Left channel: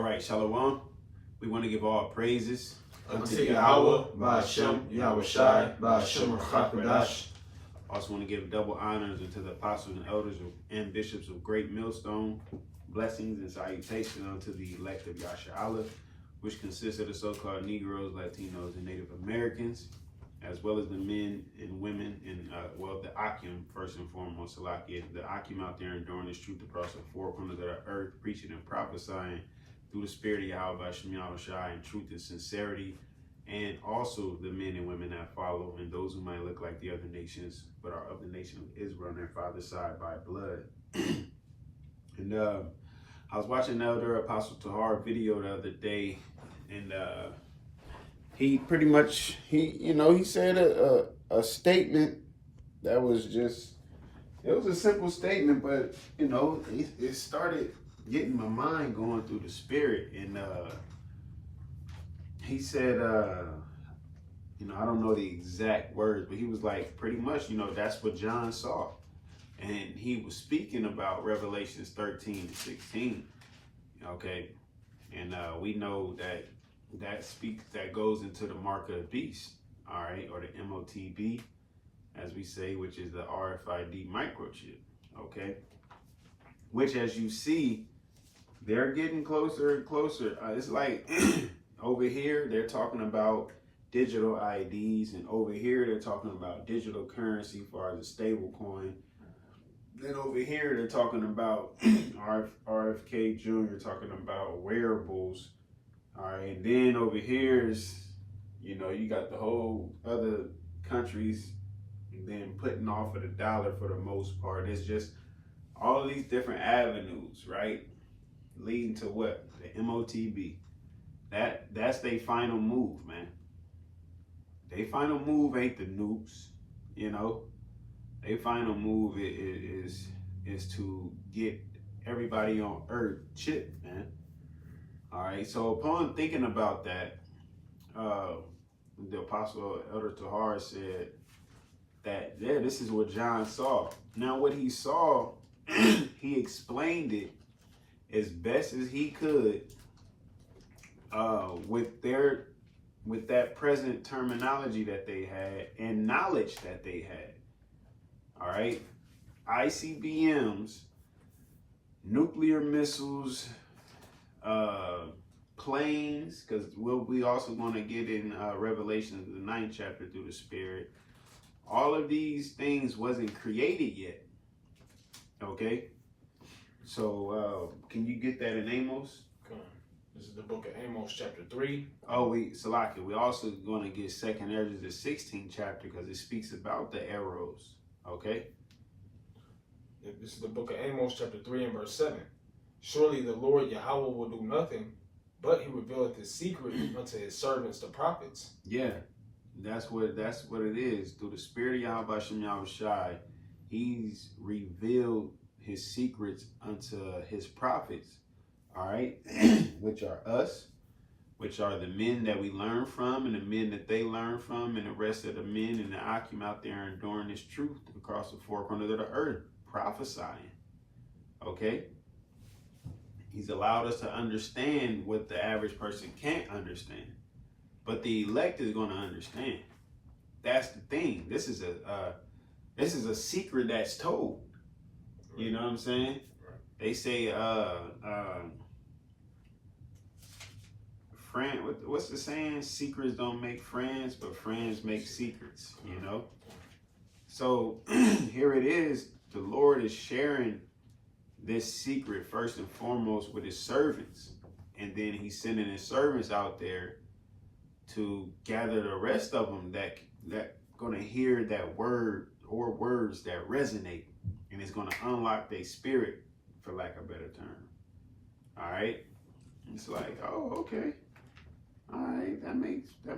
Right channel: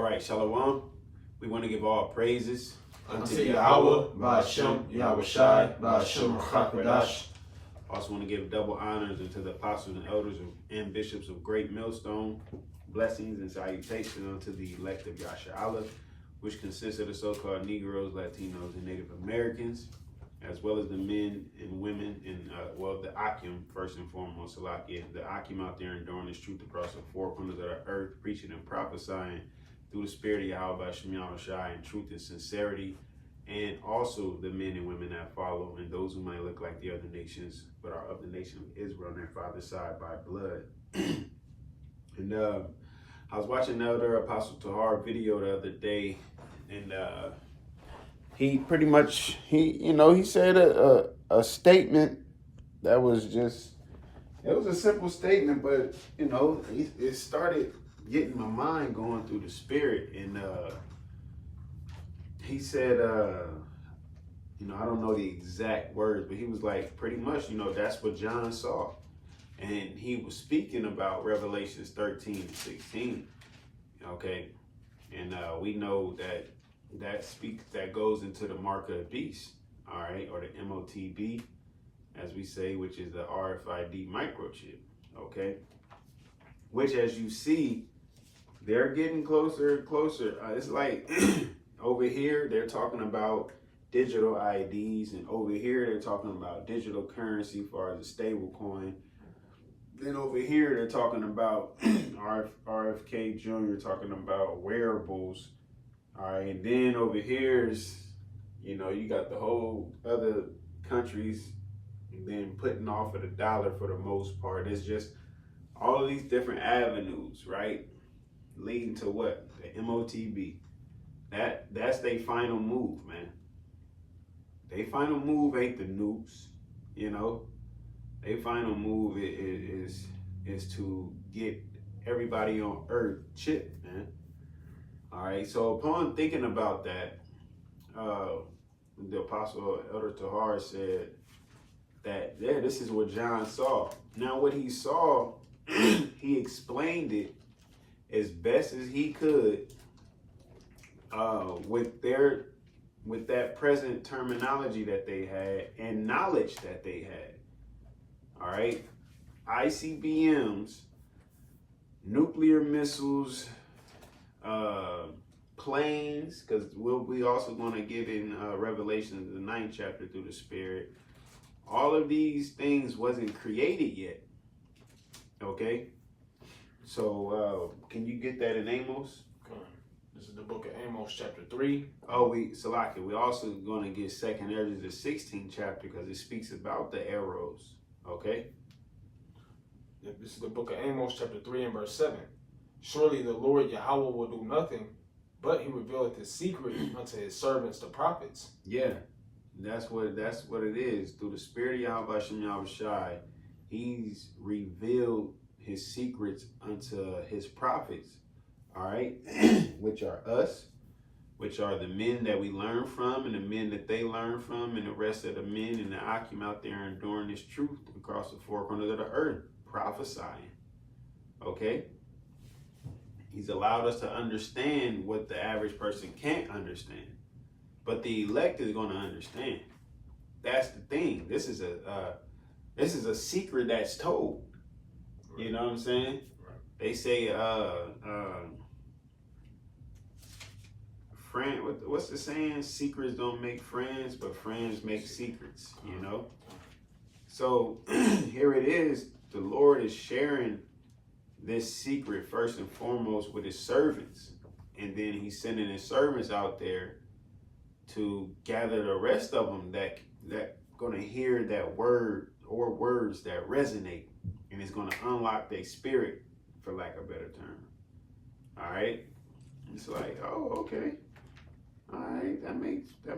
All right, Shalom. We want to give all praises unto YAHAWAH, BAHASHAM, YAHAWASHI, BAHASHAM, QADASH. Also want to give double honors unto the apostles and elders and bishops of Great Millstone. Blessings and salutations unto the elect of YAHAWAH, which consists of the so-called Negroes, Latinos, and Native Americans, as well as the men and women in, the Akim, first and foremost, Salakia, the Akim out there enduring this truth across the four corners of the earth, preaching and prophesying through the spirit of Yahweh, YAHAWASHI, in truth and sincerity, and also the men and women that follow, and those who might look like the other nations, but are of the nation of Israel on their father's side by blood. And I was watching Elder Apostle Tahar video the other day, and he pretty much, he said a statement that was just, it was a simple statement, but, it started getting my mind going through the spirit. And he said, I don't know the exact words, but he was like, pretty much, that's what John saw. And he was speaking about Revelations 13 and 16. Okay. And we know that goes into the mark of the beast, all right, or the MOTB, as we say, which is the RFID microchip, okay, which, as you see, they're getting closer and closer. It's like over here, they're talking about digital IDs, and over here, they're talking about digital currency as far as a stable coin. Then over here, they're talking about RFK Jr. talking about wearables. All right, and then over here is, you got the whole other countries been putting off of the dollar for the most part. It's just all of these different avenues, right, leading to what? The MOTB. That's their final move, man. Their final move ain't the nukes, Their final move is to get everybody on Earth chipped, man. All right, so upon thinking about that, the Apostle Elder Tahar said that, this is what John saw. Now, what he saw, he explained it as best as he could with that present terminology that they had and knowledge that they had. All right, ICBMs, nuclear missiles, planes, because we also going to get in Revelation, the 9th chapter, through the Spirit. All of these things wasn't created yet. Okay, so can you get that in Amos? Okay. This is the book of Amos, chapter 3. Oh, Salaki, we also going to get 2nd Ezra, the 16th chapter, because it speaks about the arrows. Okay. This is the book of Amos, chapter 3 and verse 7. Surely the Lord YAHAWAH will do nothing, but he revealeth his secret unto his servants, the prophets. Yeah, that's what it is. Through the spirit of Yahweh YAHAWASHI, he's revealed his secrets unto his prophets, all right, which are us, which are the men that we learn from, and the men that they learn from, and the rest of the men and the Akim out there enduring this truth across the four corners of the earth, prophesying. Okay. He's allowed us to understand what the average person can't understand, but the elect is going to understand. That's the thing. This is a secret that's told. Right. You know what I'm saying? Right. They say, what's the saying? Secrets don't make friends, but friends make secrets. So here it is. The Lord is sharing this secret first and foremost with his servants, and then he's sending his servants out there to gather the rest of them that gonna hear that word or words that resonate, and it's gonna unlock their spirit, for lack of a better term. All right, it's like, oh, okay, all right, that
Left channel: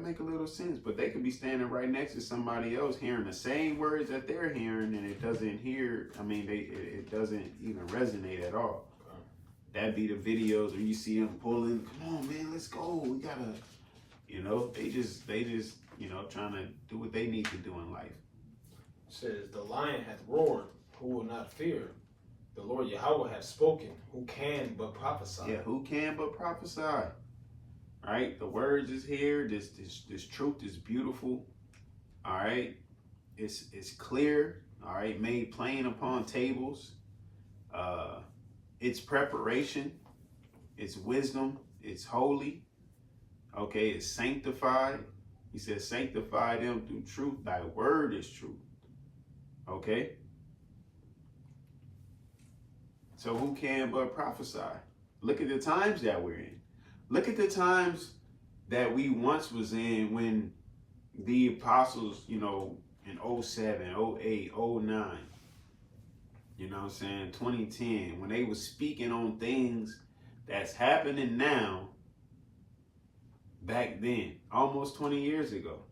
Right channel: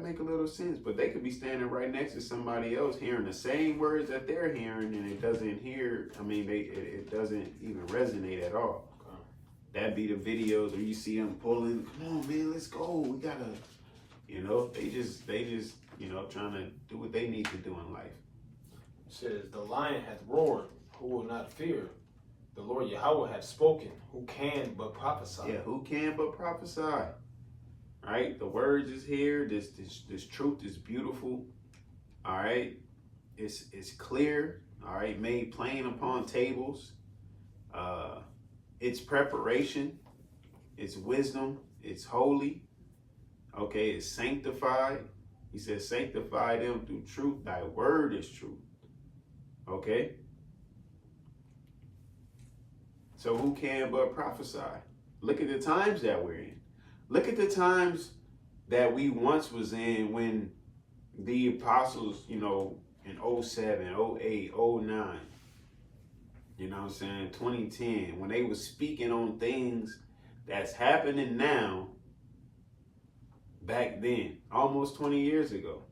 make a little sense. But they could be standing right next to somebody else hearing the same words that they're hearing, and it doesn't it doesn't even resonate at all. That'd be the videos where you see them pulling, come on, man, let's go, we gotta, they just trying to do what they need to do in life. It says, the lion hath roared, who will not fear? The Lord Yahawah hath spoken. Who can but prophesy? Yeah, who can but prophesy? Right? The words is here. This truth is beautiful. All right. It's clear. All right. Made plain upon tables. It's preparation. It's wisdom. It's holy. Okay. It's sanctified. He says, sanctify them through truth. Thy word is truth. Okay. So who can but prophesy? Look at the times that we're in. Look at the times that we once was in when the apostles, you know, in 07, 08, 09, you know what I'm saying, 2010, when they was speaking on things that's happening now, back then, almost 20 years ago.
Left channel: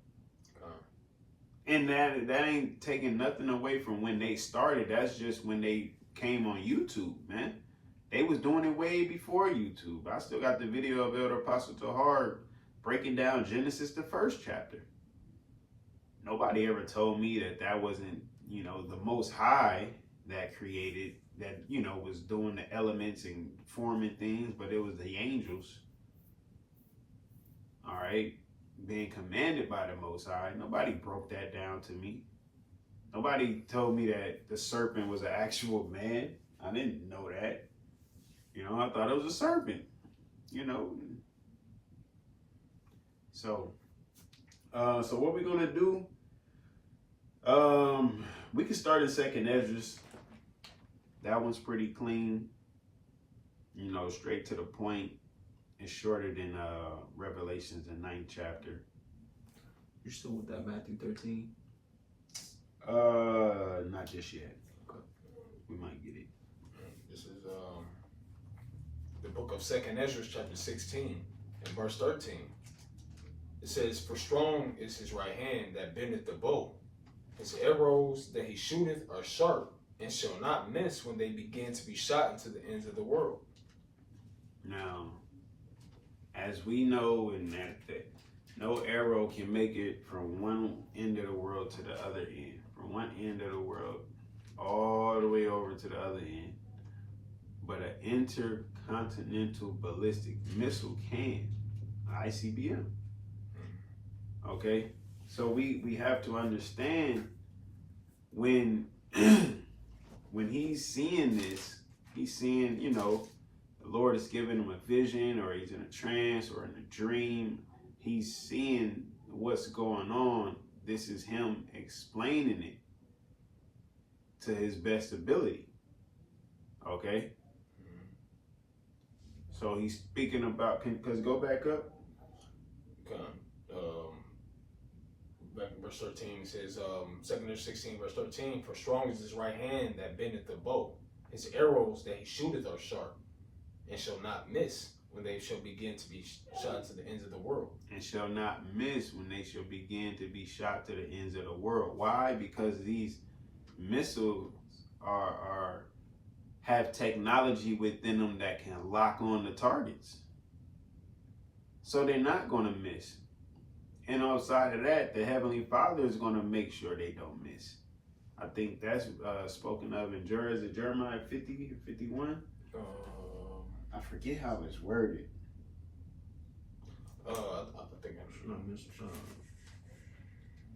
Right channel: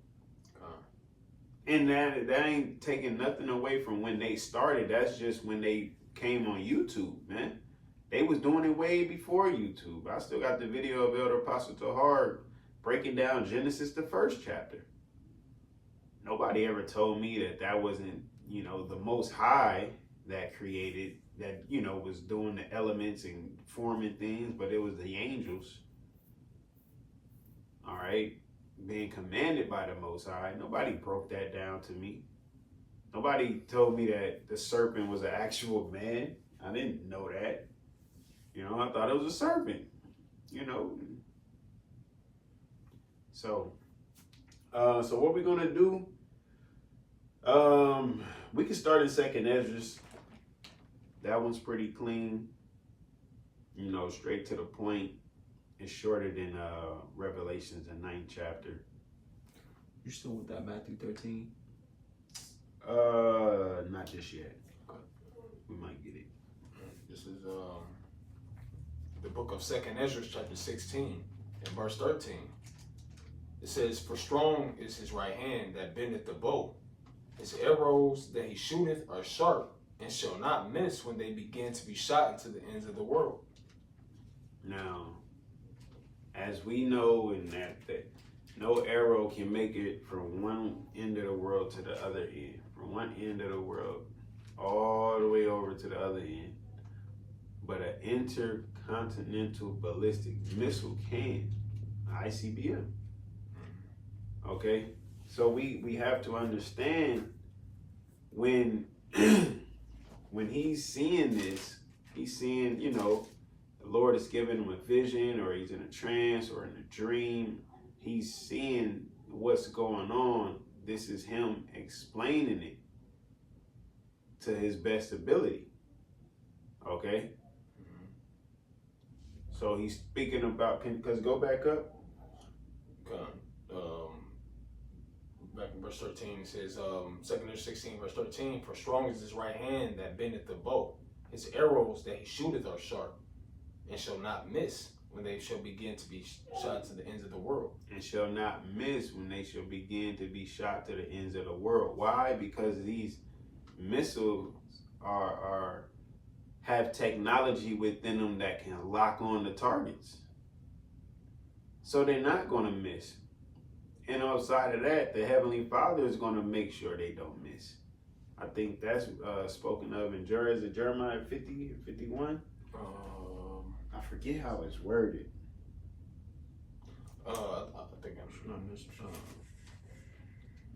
And that ain't taking nothing away from when they started. That's just when they came on YouTube, man. They was doing it way before YouTube. I still got the video of Elder Apostle Tahar breaking down Genesis, the first chapter. Nobody ever told me that wasn't, you know, the Most High that created, that, you know, was doing the elements and forming things, but it was the angels. All right, being commanded by the Most High. Nobody broke that down to me. Nobody told me that the serpent was an actual man. I didn't know that. You know, I thought it was a serpent, you know. So what we're going to do, we can start in 2nd Esdras. That one's pretty clean, you know, straight to the point. It's shorter than Revelations, the 9th chapter. You still with that Matthew 13? Not just yet. Okay. We might get it. This is the book of 2nd Esdras, chapter 16, and verse 13. It says, for strong is his right hand that bendeth the bow. His arrows that he shooteth are sharp, and shall not miss when they begin to be shot into the ends of the world. Now, as we know, in that no arrow can make it from one end of the world to the other end. From one end of the world all the way over to the other end. But an intercontinental ballistic missile can. ICBM. Okay? So we have to understand when when he's seeing this, he's seeing, you know, the Lord is giving him a vision, or he's in a trance or in a dream. He's seeing what's going on. This is him explaining it to his best ability. Okay? So he's speaking about, because go back up. Back in verse 13, it says, 2nd Esdras 16, verse 13, for strong is his right hand that bendeth the bow. His arrows that he shooteth are sharp, and shall not miss when they shall begin to be shot to the ends of the world. And shall not miss when they shall begin to be shot to the ends of the world. Why? Because these missiles have technology within them that can lock on the targets. So they're not going to miss. And outside of that, the Heavenly Father is going to make sure they don't miss. I think that's spoken of in Jeremiah 50 or 51. I forget how it's worded. I think I'm sure.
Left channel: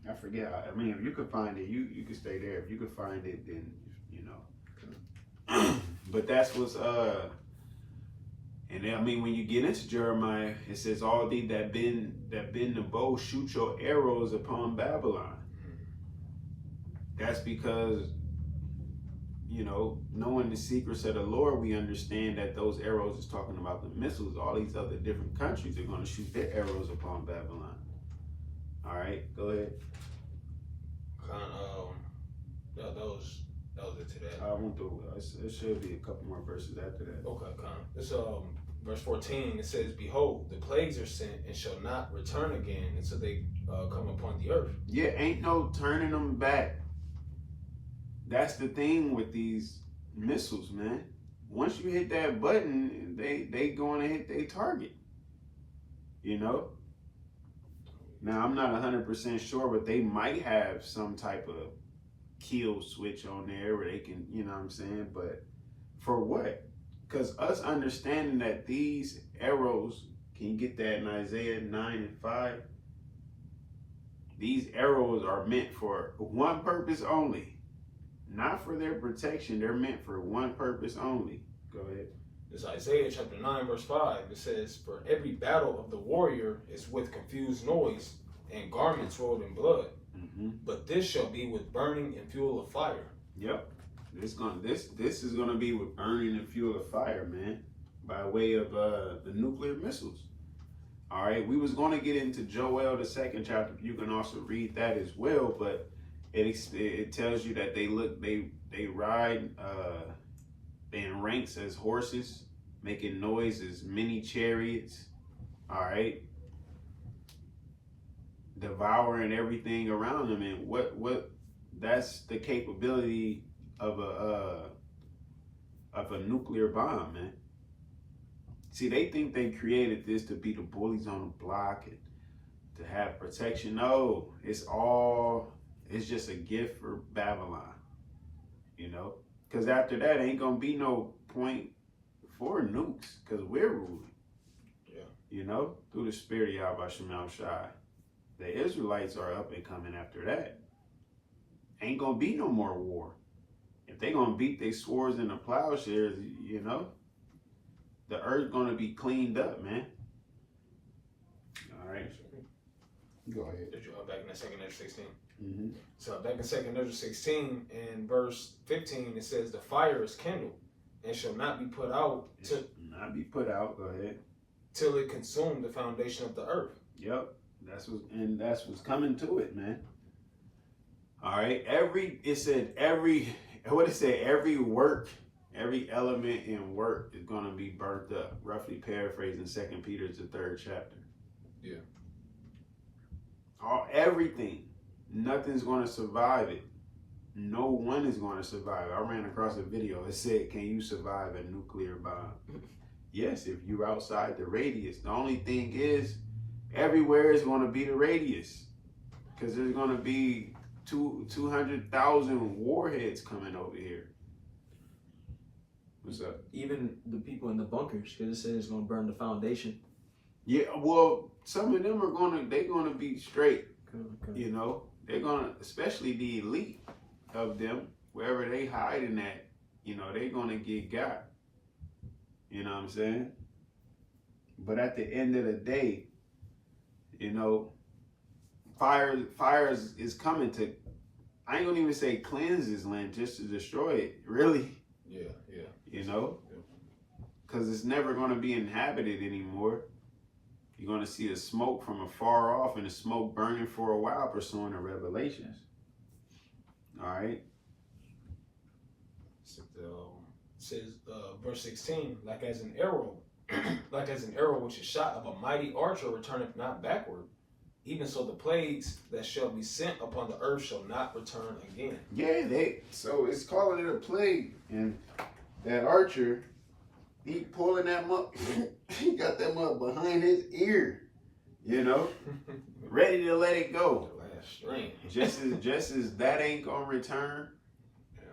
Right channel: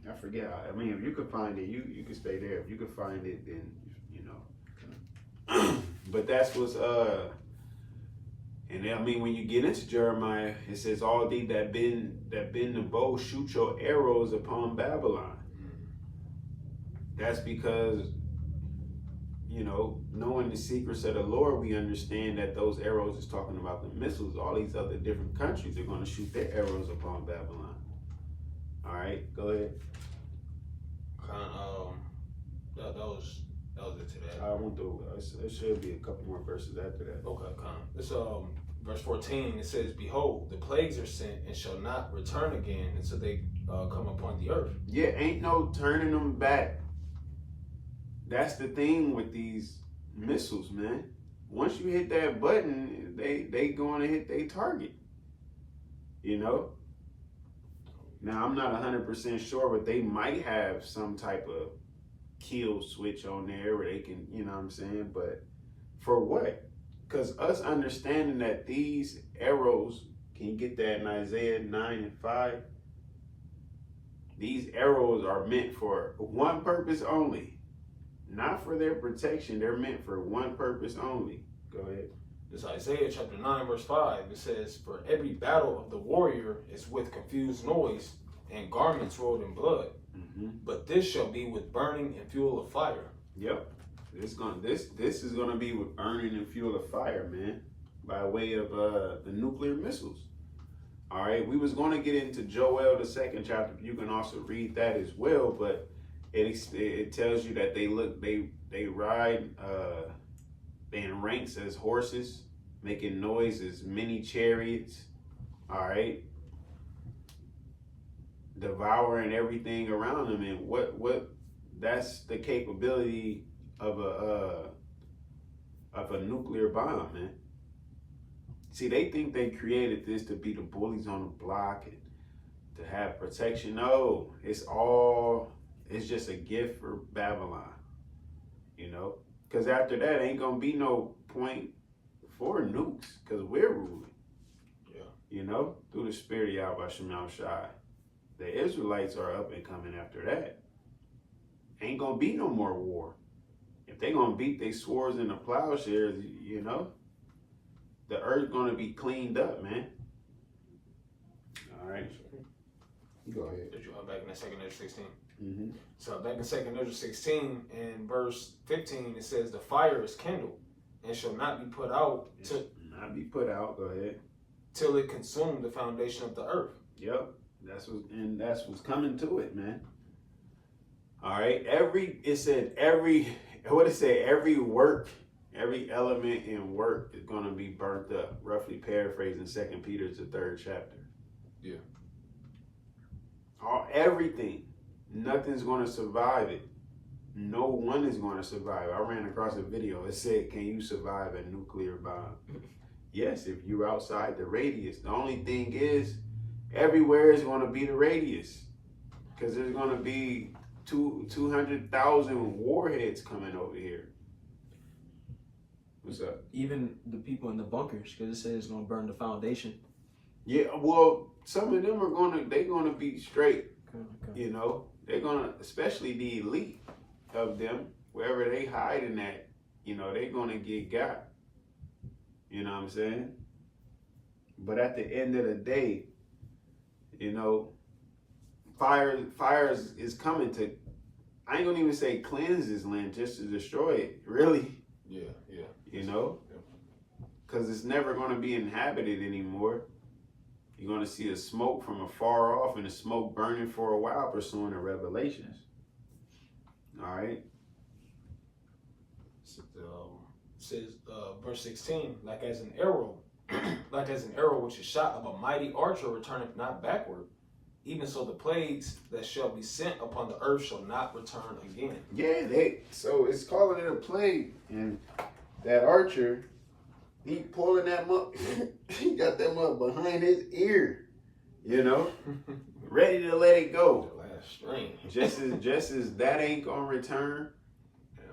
I forget how. I mean, if you could find it, you could stay there. If you could find it, then, you know. But that's what's and then, I mean, when you get into Jeremiah, it says, all thee that bend the bow, shoot your arrows upon Babylon. That's because, you know, knowing the secrets of the Lord, we understand that those arrows is talking about the missiles. All these other different countries are going to shoot their arrows upon Babylon. All right, go ahead. That was it to that. I went through. It should be a couple more verses after that. Okay, this verse 14. It says, "Behold, the plagues are sent and shall not return again until they come upon the earth." Yeah, ain't no turning them back. That's the thing with these missiles, man. Once you hit that button, they going to hit their target. You know. Now I'm not 100% sure, but they might have some type of kill switch on there where they can, you know what I'm saying? But For what? Because us understanding that these arrows, can you get that in Isaiah 9:5? These arrows are meant for one purpose only. Not for their protection. They're meant for one purpose only. Go ahead. This Isaiah chapter 9, verse 5. It says, "For every battle of the warrior is with confused noise and garments rolled in blood. But this shall be with burning and fuel of fire." Yep. This is gonna be with burning and fuel of fire, man, by way of the nuclear missiles. All right. We was gonna get into Joel the 2nd chapter. You can also read that as well, but it tells you that they ride in ranks as horses, making noise as many chariots. All right. Devouring everything around them, and what that's the capability of a nuclear bomb, man. See, they think they created this to be the bullies on the block and to have protection. No, it's just a gift for Babylon, you know, because after that ain't gonna be no point for nukes, because we're ruling. Yeah. You know, through the spirit of YAHAWASHI. The Israelites are up and coming after that. Ain't gonna be no more war. If they gonna beat their swords and the plowshares, you know, the earth gonna be cleaned up, man. All right. Go ahead. Did you back in that 2nd Ezra 16? Mm-hmm. So back in 2nd Ezra 16 and verse 15, it says, "The fire is kindled and shall not be put out Go ahead. till it consume the foundation of the earth." Yep. That's what's coming to it, man. All right. Every work, every element in work is gonna be burnt up. Roughly paraphrasing 2 Peter the 3rd chapter. Yeah. Everything. Nothing's gonna survive it. No one is gonna survive. I ran across a video that said, "Can you survive a nuclear bomb?" Yes, if you're outside the radius. The only thing is, everywhere is going to be the radius, because there's going to be 200,000 warheads coming over here. What's up? Even the people in the bunkers, because it says it's going to burn the foundation. Yeah, well, some of them they're going to be straight. Okay. You know, they're going to, especially the elite of them, wherever they hiding at, you know, they're going to get got. You know what I'm saying? But at the end of the day, you know, fire is coming to, I ain't gonna even say cleanse this land, just to destroy it, really. Yeah. You know? Because it's never gonna be inhabited anymore. You're gonna see a smoke from afar off and the smoke burning for a while, pursuing the revelations. All right? Says verse 16, like as an arrow which is shot of a mighty archer returneth not backward, even so the plagues that shall be sent upon the earth shall not return again. Yeah, so it's calling it a plague, and that archer, he pulling that mug, he got that mug behind his ear, you know, ready to let it go. The last string. just as that ain't gonna return.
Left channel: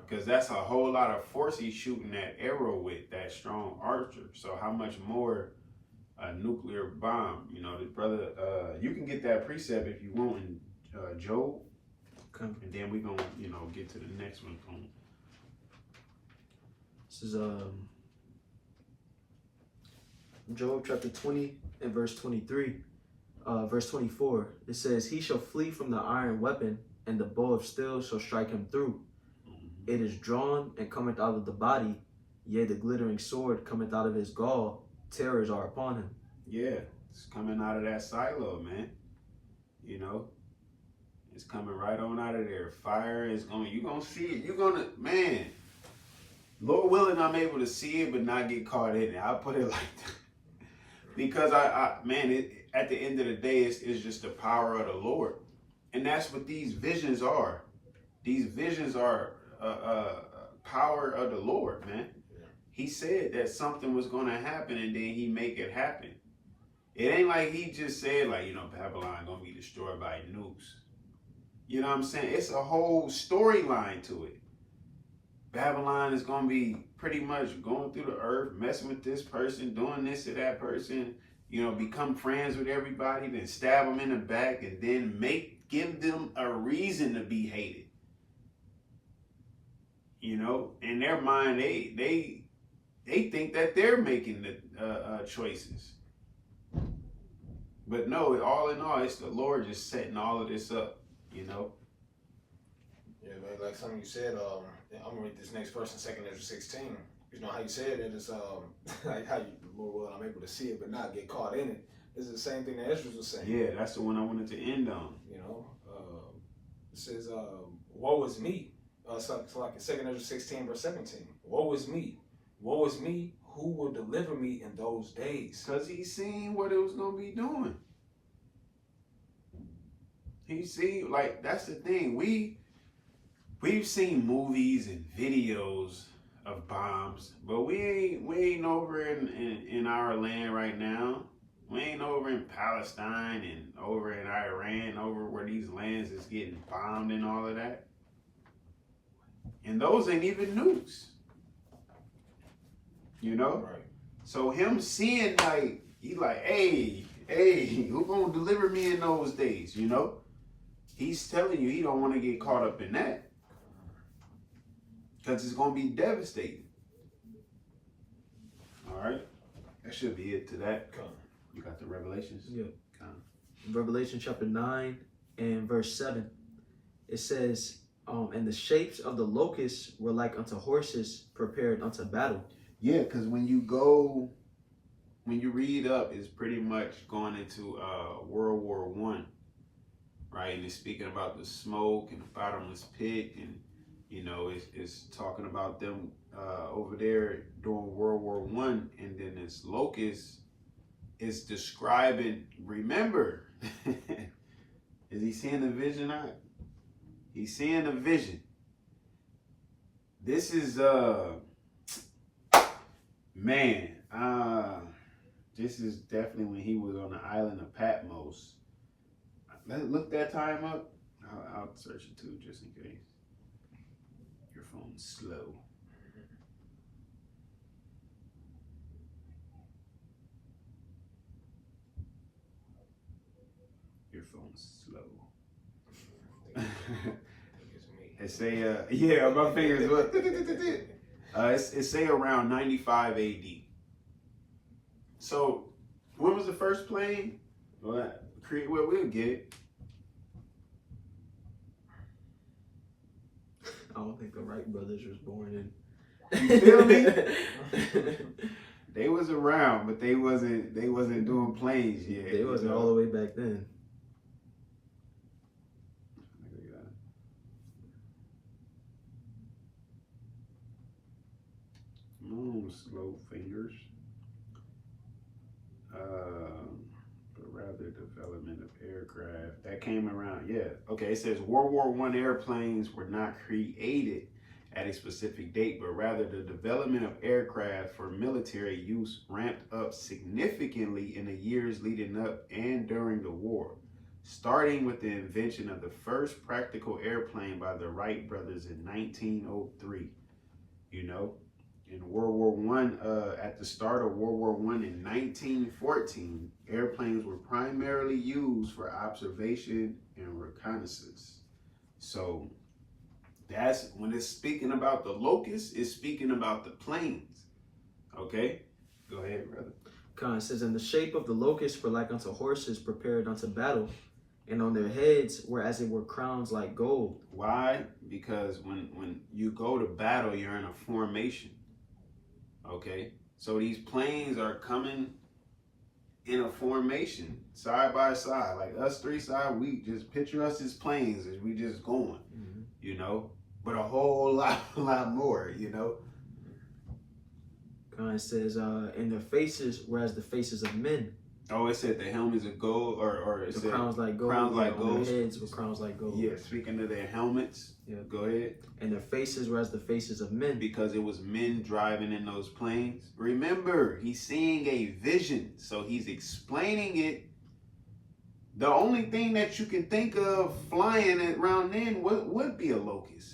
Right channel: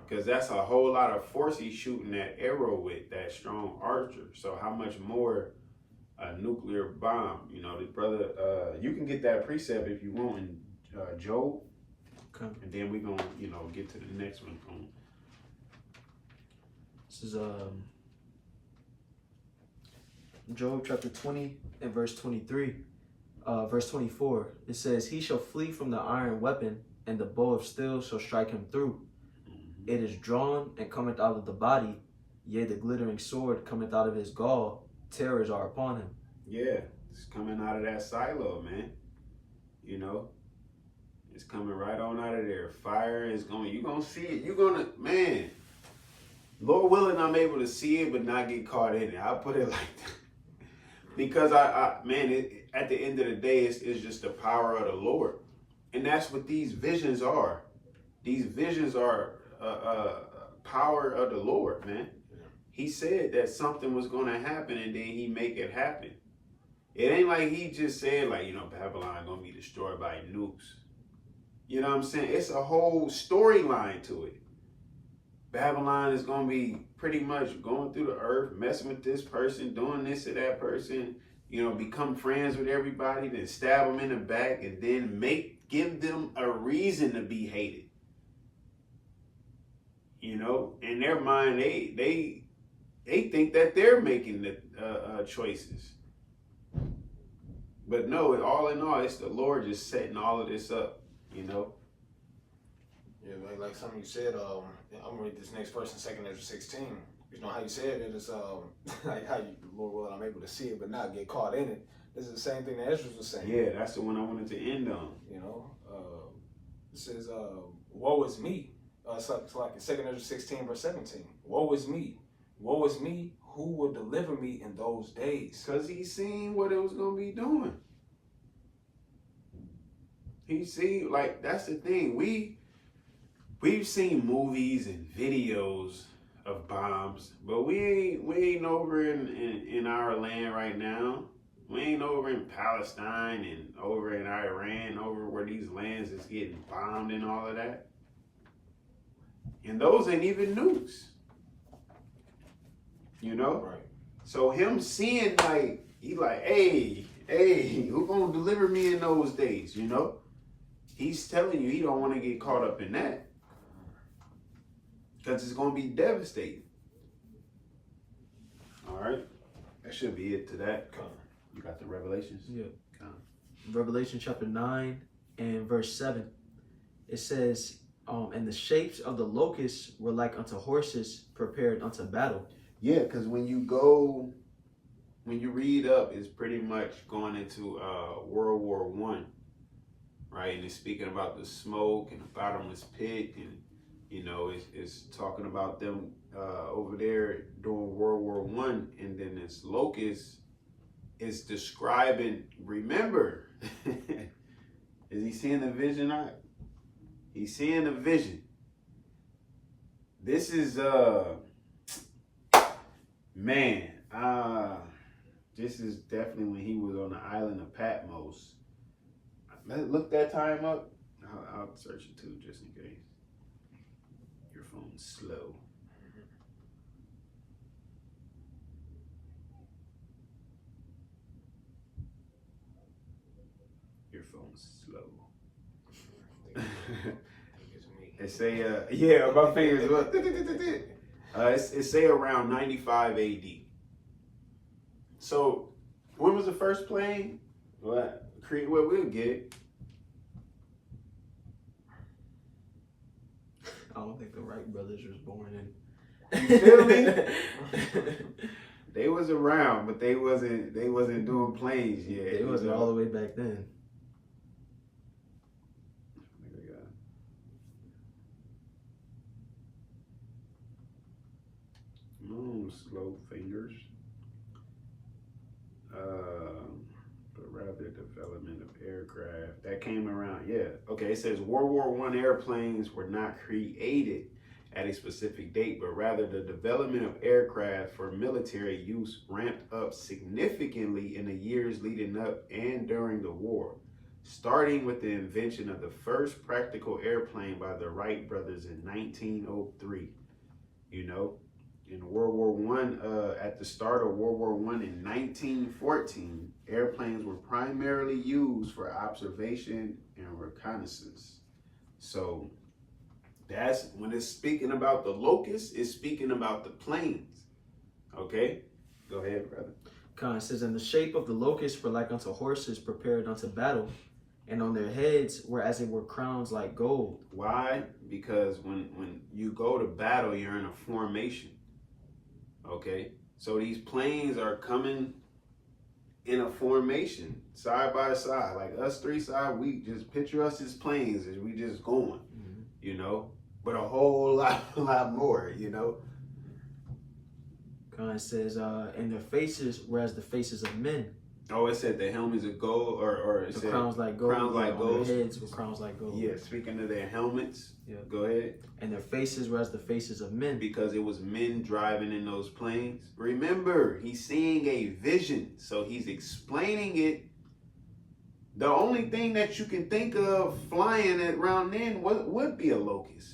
Because that's a whole lot of force he's shooting that arrow with, that strong archer. So how much more a nuclear bomb? You know, the brother, you can get that precept if you want in Job. Okay. And then we're going to, you know, get to the next one. This is Job chapter 20 and verse 23. Verse 24, it says, "He shall flee from the iron weapon, and the bow of steel shall strike him through. It is drawn and cometh out of the body, yea, the glittering sword cometh out of his gall. Terrors are upon him." Yeah, it's coming out of that silo, man. You know, it's coming right on out of there. Fire is going, you're going to see it. You're going to, man, Lord willing, I'm able to see it, but not get caught in it. I'll put it like that. Because at the end of the day, it's just the power of the Lord. And that's what these visions are. These visions are power of the Lord, man. Yeah. He said that something was going to happen, and then he make it happen. It ain't like he just said, like, you know, Babylon going to be destroyed by nukes. You know what I'm saying? It's a whole storyline to it. Babylon is going to be pretty much going through the earth, messing with this person, doing this to that person, you know, become friends with everybody, then stab them in the back, and then give them a reason to be hated. You know, in their mind, they think that they're making the choices. But no, all in all, it's the Lord just setting all of this up, you know. Yeah, like something you said, I'm gonna read this next verse in 2 Ezra 16. You know how you said it is like how you, Lord willing, I'm able to see it but not get caught in it. This is the same thing that Ezra was saying. Yeah, that's the one I wanted to end on. You know, it says, woe is me. It's like in 2 Ezra 16 verse 17. Woe is me. Woe is me. Who will deliver me in those days? Because he's seen what it was going to be doing. He see, like, that's the thing. We've seen movies and videos of bombs, but we ain't over in our land right now. We ain't over in Palestine and over in Iran, over where these lands is getting bombed and all of that. And those ain't even news. You know? Right. So him seeing, like, he like, hey, who gonna deliver me in those days, you know? He's telling you he don't want to get caught up in that. Because it's going to be devastating. All right? That should be it to that. You got the Revelations? Yeah. Revelation chapter 9 and verse 7. It says, and the shapes of the locusts were like unto horses prepared unto battle. Yeah, because when you read up, it's pretty much going into World War I, right? And it's speaking about the smoke and the bottomless pit, and you know, it's talking about them over there during World War I, and then this locust is describing. Remember, is he seeing the vision? He's seeing the vision. This is man, this is definitely when he was on the island of Patmos. Let's look that time up. I'll search it too, just in case. Your phone's slow. Your phone's slow. It say, yeah, my fingers. It say around 95 AD. So, when was the first plane? Well, we'll get it. I don't think the Wright brothers was born in. You feel me? They was around, but they wasn't doing planes yet. They wasn't all the way back then. Slow fingers. But rather development of aircraft. That came around, yeah. Okay, it says World War I airplanes were not created at a specific date, but rather the development of aircraft for military use ramped up significantly in the years leading up and during the war, starting with the invention of the first practical airplane by the Wright brothers in 1903. You know, in World War I, at the start of World War I in 1914, airplanes were primarily used for observation and reconnaissance. So that's when it's speaking about the locusts, it's speaking about the planes. Okay, go ahead, brother. It says, and the shape of the locusts were like unto horses prepared unto battle, and on their heads were as it were crowns like gold. Why? Because when you go to battle, you're in a formation. Okay, so these planes are coming in a formation, side by side, like us three side. We just picture us as planes as we just going, you know, but a whole lot more, you know. It says, and their faces were as the faces of men. Oh, it said the helmets of gold, or it said crowns like gold. Crowns like gold. Their heads were crowns like gold. Yeah, speaking of their helmets. Yeah. Go ahead. And their faces were as the faces of men. Because it was men driving in those planes. Remember, he's seeing a vision, so he's explaining it. The only thing that you can think of flying around then would be a locust.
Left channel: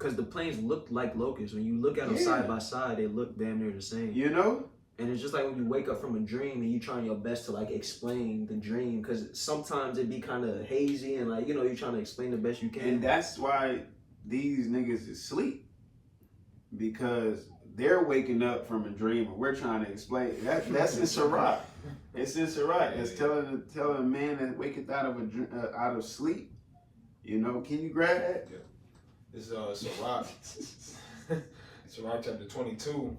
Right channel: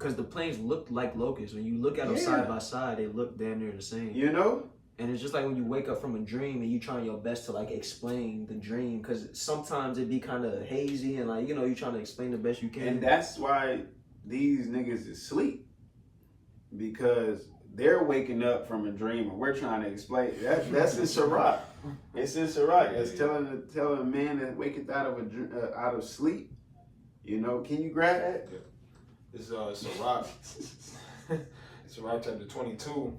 because the planes looked like locusts. When you look at them side by side, they look damn near the same. You know? And it's just like when you wake up from a dream and you trying your best to like explain the dream, because sometimes it be kind of hazy and like, you know, you trying to explain the best you can. And that's why these niggas is asleep, because they're waking up from a dream and we're trying to explain. That's in Sirach. It's in Sirach. It's telling a man that waketh out of sleep. You know, can you grab that? This is Sirach. Sirach chapter 22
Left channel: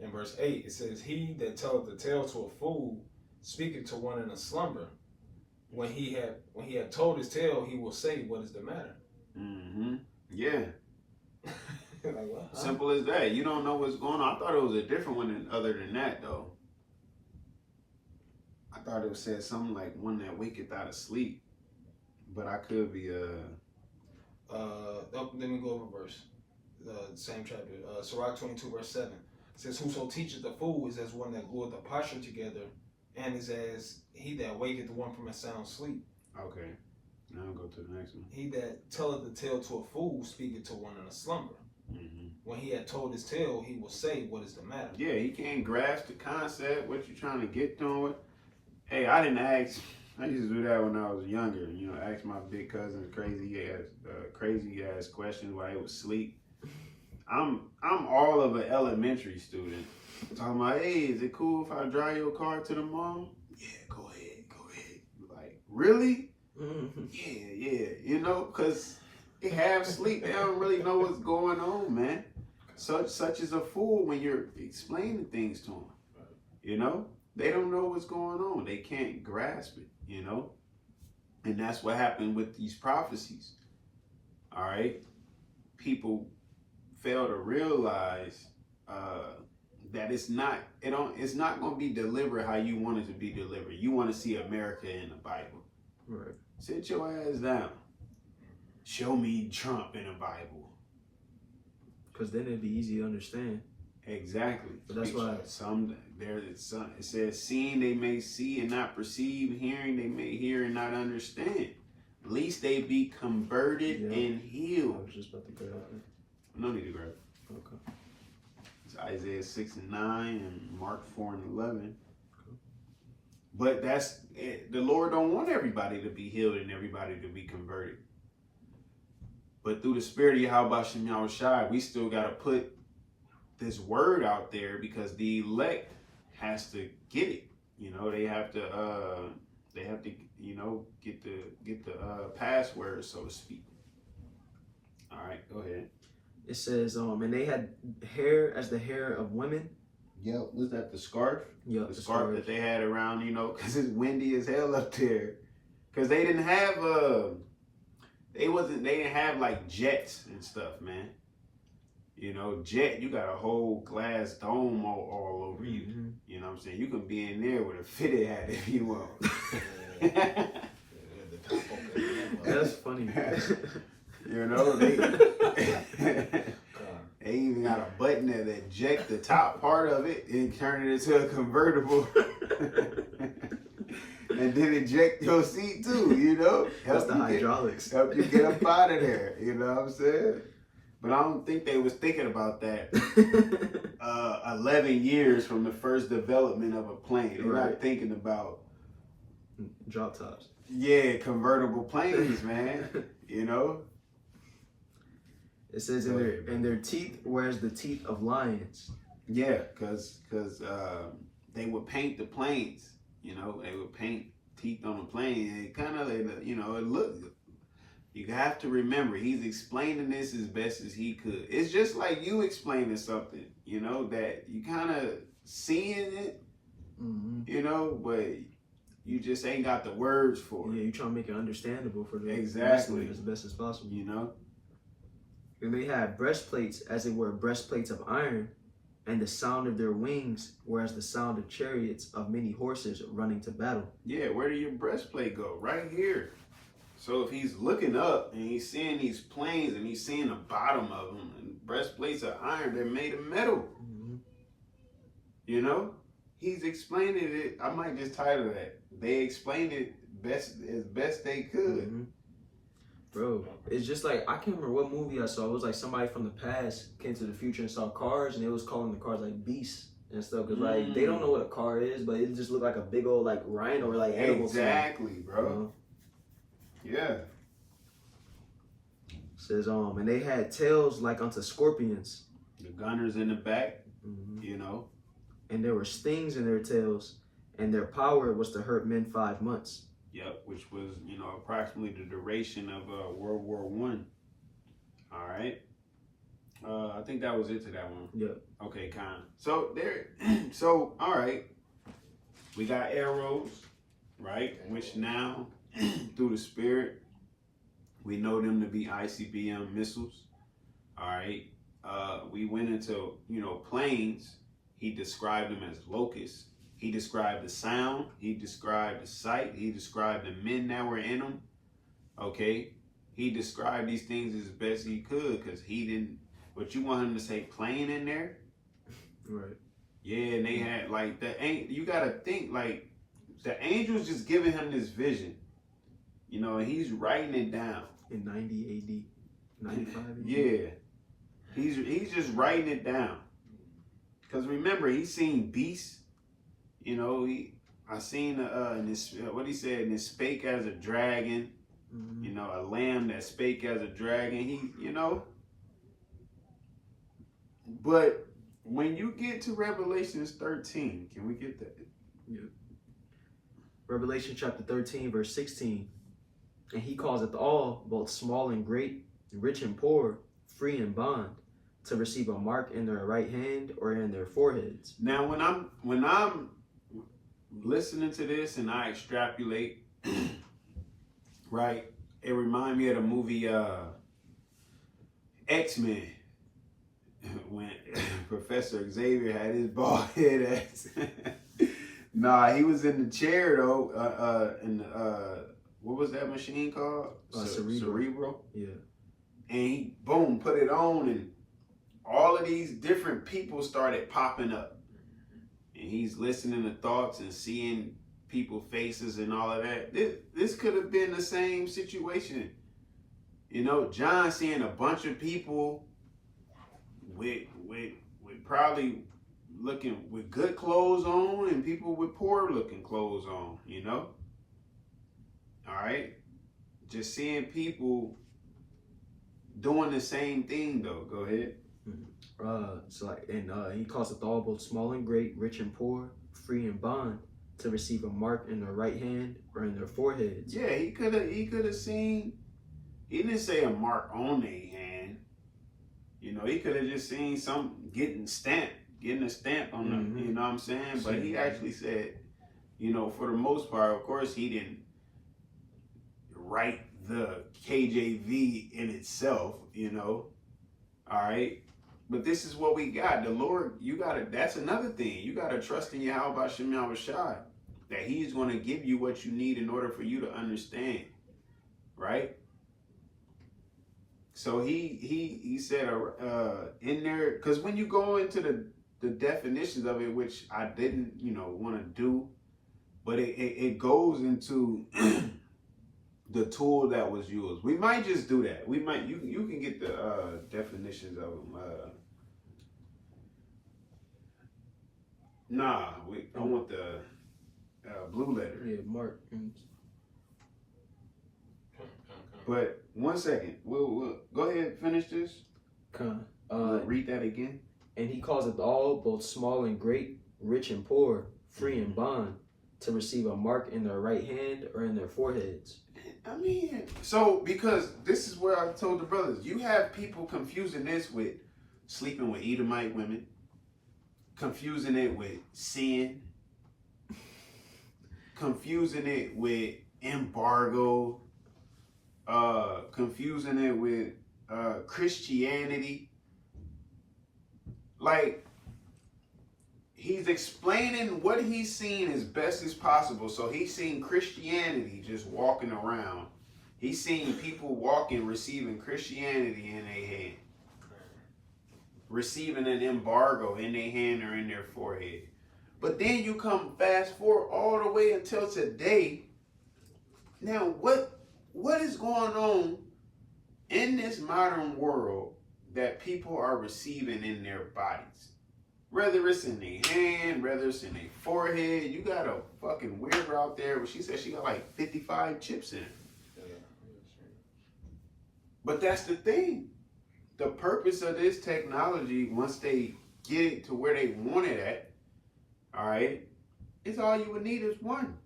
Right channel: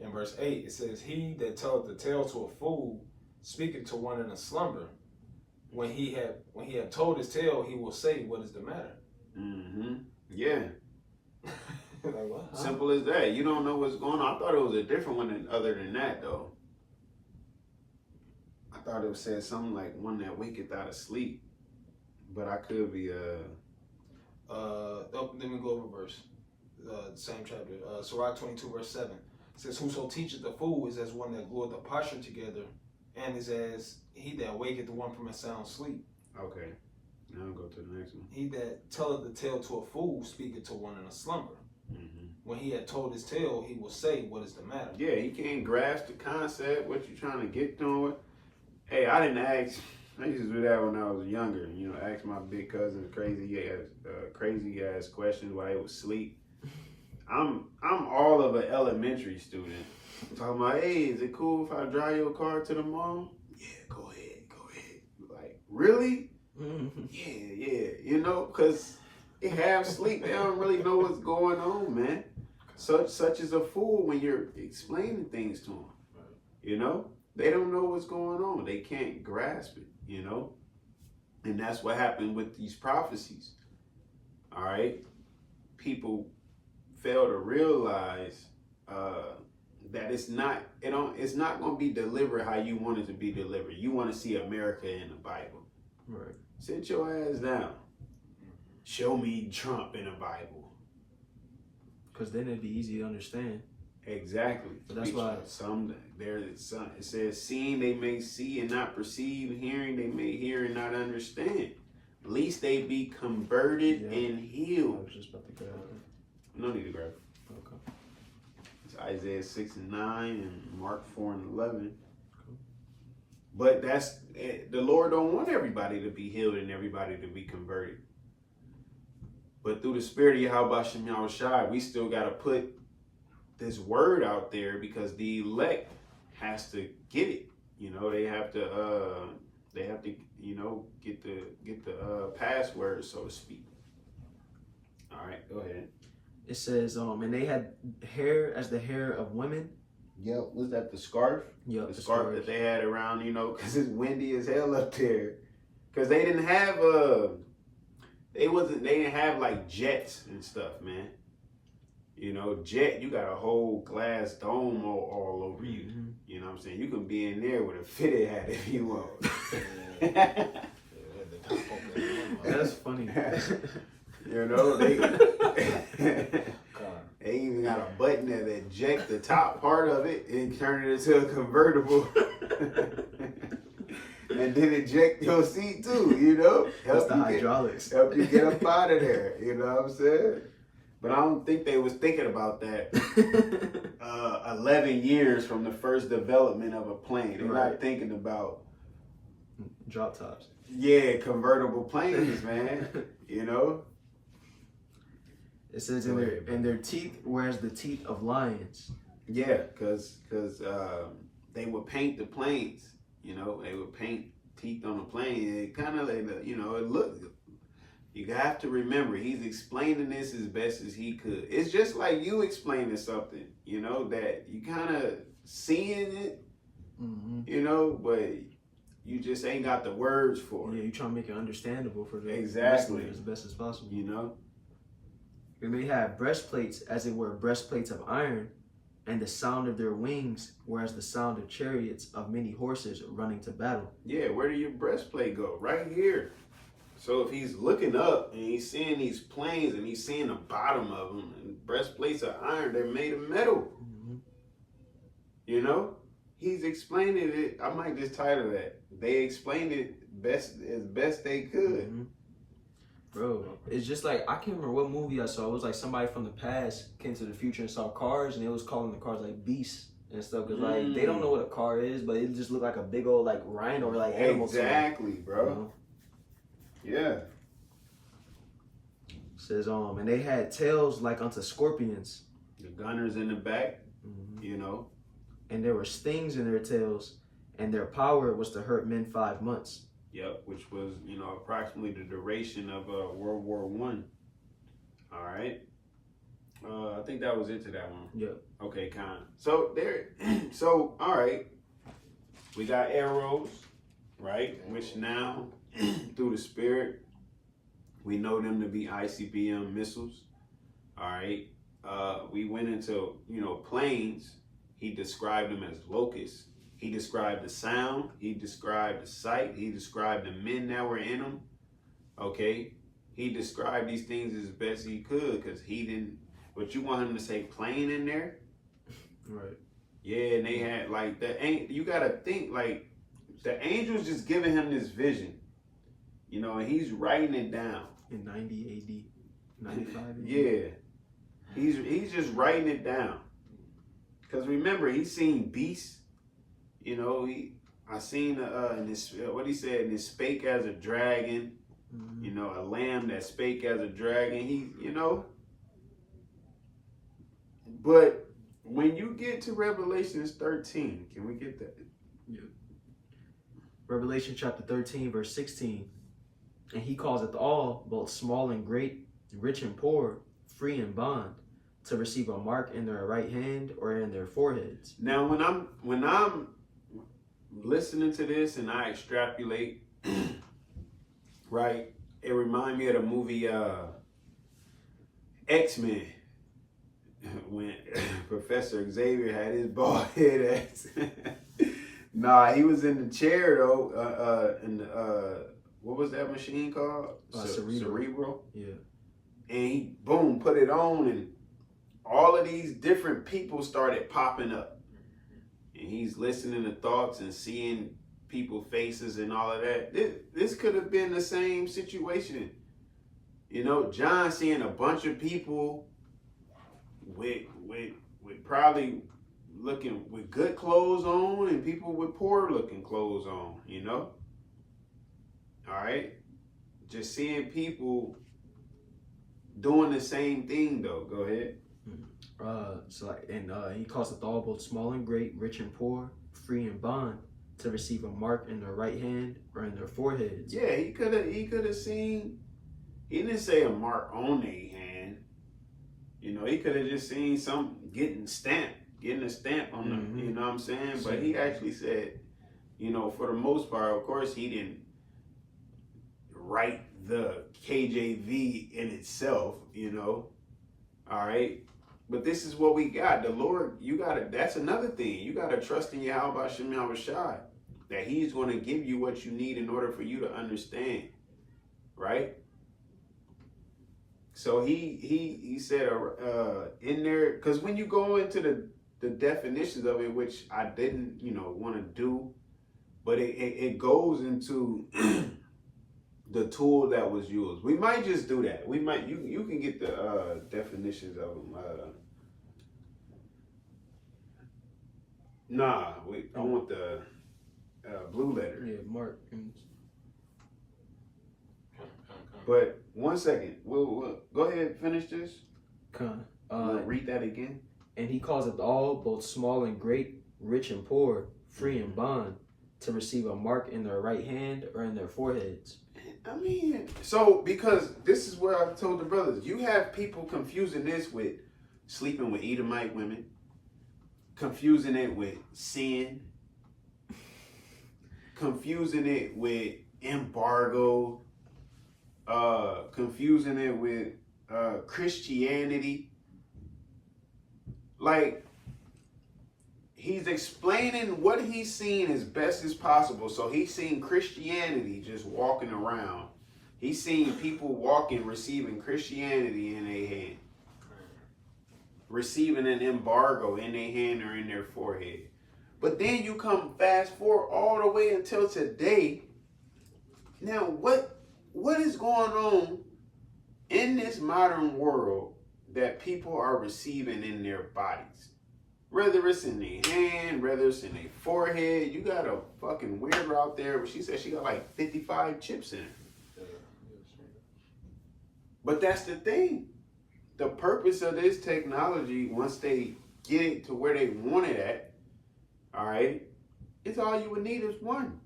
and verse 8. It says, "He that telleth the tale to a fool speaketh to one in a slumber. When he had told his tale, he will say, what is the matter?" Mm-hmm. Yeah. Like, what? Huh? Simple as that. You don't know what's going on. I thought it was a different one other than that, though. I thought it said something like one that waketh out of sleep. But I could be let me go over verse. The same chapter. Sirach 22 verse 7. It says, "Whoso teacheth the fool is as one that glueth the posture together, and is as he that waketh the one from a sound sleep." Okay. Now I'll go to the next one. "He that telleth the tale to a fool speaketh to one in a slumber. Mm-hmm. When he had told his tale, he will say, what is the matter?" Yeah, he can't grasp the concept, what you're trying to get to it. Hey, I didn't ask. I used to do that when I was younger. You know, ask my big cousins crazy ass questions while they was asleep. I'm all of an elementary student. Talking about, hey, is it cool if I drive your car to the mall? Yeah, go ahead. Like, really? Yeah. You know, because they have sleep. They don't really know what's going on, man. Such is a fool when you're explaining things to them. You know? They don't know what's going on. They can't grasp it, you know? And that's what happened with these prophecies. All right? People fail to realize that it's not going to be delivered how you want it to be delivered. You want to see America in the Bible. Right. Sit your ass down. Show me Trump in the Bible. Because then it'd be easy to understand. Exactly. But that's why it says, seeing they may see and not perceive, hearing they may hear and not understand. Least they be converted and healed. I was just about to grab it. No need to grab it. Okay. It's Isaiah 6 and 9 and Mark 4 and 11. But the Lord don't want everybody to be healed and everybody to be converted. But through the spirit of YAHAWASHI, we still got to put this word out there, because the elect has to get it. You know, they have to you know, get the password, so to speak. All right, go ahead. It says, and they had hair as the hair of women. Yeah, was that the scarf? Yeah, the scarf that they had around, you know, because it's windy as hell up there. Because they didn't have they didn't have like jets and stuff, man. You know, jet, you got a whole glass dome all over you. Mm-hmm. You know what I'm saying? You can be in there with a fitted hat if you want. That's funny. You know, they even got a button that eject the top part of it and turn it into a convertible. And then eject your seat too, you know? That's the hydraulics. Help you get up out of there, you know what I'm saying? But I don't think they was thinking about that 11 years from the first development of a plane. They're not thinking about drop tops. Yeah, convertible planes, man. You know? It says in their teeth, whereas the teeth of lions. Yeah, because they would paint the planes. You know, they would paint teeth on a plane. It kind of, you know, it looked. You have to remember, he's explaining this as best as he could. It's just like you explaining something, you know, that you kind of seeing it, you know, but you just ain't got the words for it. Yeah, you trying to make it understandable for the exactly as best as possible. You know, and they had breastplates, as it were breastplates of iron, and the sound of their wings were as the sound of chariots of many horses running to battle. Yeah, where did your breastplate go? Right here. So if he's looking up and he's seeing these planes and he's seeing the bottom of them, and breastplates of iron, they're made of metal. You know, he's explaining it. I might just title that. They explained it as best they could. Bro, it's just like, I can't remember what movie I saw. It was like somebody from the past came to the future and saw cars, and it was calling the cars like beasts and stuff. Because like, they don't know what a car is, but it just looked like a big old like rhino or like animal. Exactly, bro. Yeah. Says, and they had tails like unto scorpions. The gunners in the back, you know. And there were stings in their tails, and their power was to hurt men 5 months. Yep, which was, you know, approximately the duration of World War One. All right. I think that was it to that one. Yep. Okay, So so all right. We got arrows, right? Which now, through the Spirit, we know them to be ICBM missiles. All right. We went into, you know, planes. He described them as locusts. He described the sound. He described the sight. He described the men that were in them. Okay. He described these things as best he could because he didn't. But you want him to say plane in there? Right. Yeah, and they had like you gotta think like the angel's just giving him this vision. You know, and he's writing it down. In 90 AD. 95 AD. Yeah. He's just writing it down. Cause remember, he's seen beasts. You know, I seen in this what he said, and it spake as a dragon. You know, a lamb that spake as a dragon. He, you know. But when you get to Revelations 13, can we get that? Yeah. Revelation chapter 13, verse 16. And he causeth all, both small and great, rich and poor, free and bond, to receive a mark in their right hand or in their foreheads. Now, when I'm listening to this and I extrapolate, right, it reminds me of the movie X-Men, when Professor Xavier had his bald head ass. Nah, he was in the chair though, what was that machine called? Cerebro. Yeah. And he, boom, put it on, and all of these different people started popping up. And he's listening to thoughts and seeing people's faces and all of that. This could have been the same situation. You know, John seeing a bunch of people with probably looking with good clothes on and people with poor looking clothes on, you know? All right? Just seeing people doing the same thing though. Go ahead. He causeth all, both small and great, rich and poor, free and bond, to receive a mark in their right hand or in their foreheads. Yeah, he could have seen. He didn't say a mark on their hand. You know, he could have just seen some getting a stamp on them. You know what I'm saying? But he actually said, you know, for the most part, of course, he didn't write the KJV in itself, you know. All right. But this is what we got. The Lord, that's another thing. You got to trust in YAHAWASHI, that he's going to give you what you need in order for you to understand. Right? So he said in there, because when you go into the definitions of it, which I didn't, you know, want to do, but it goes into the tool that was used. We might just do that. We might, you can get the definitions of them. I want the blue letter. Yeah, Mark. But 1 second, we'll go ahead and finish this. Read that again. And he causeth all, both small and great, rich and poor, free and bond, to receive a mark in their right hand or in their foreheads. I mean, so because this is where I told the brothers, you have people confusing this with sleeping with Edomite women, confusing it with sin, confusing it with embargo, confusing it with Christianity. Like, he's explaining what he's seen as best as possible. So he's seen Christianity just walking around. He's seen people walking, receiving Christianity in their hand, receiving an embargo in their hand or in their forehead. But then you come fast forward all the way until today. Now, what is going on in this modern world that people are receiving in their bodies. Whether it's in their hand, whether it's in their forehead. You got a fucking weirdo out there, but she said she got like 55 chips in her. But that's the thing. The purpose of this technology, once they get it to where they want it at, all right, it's all you would need is one.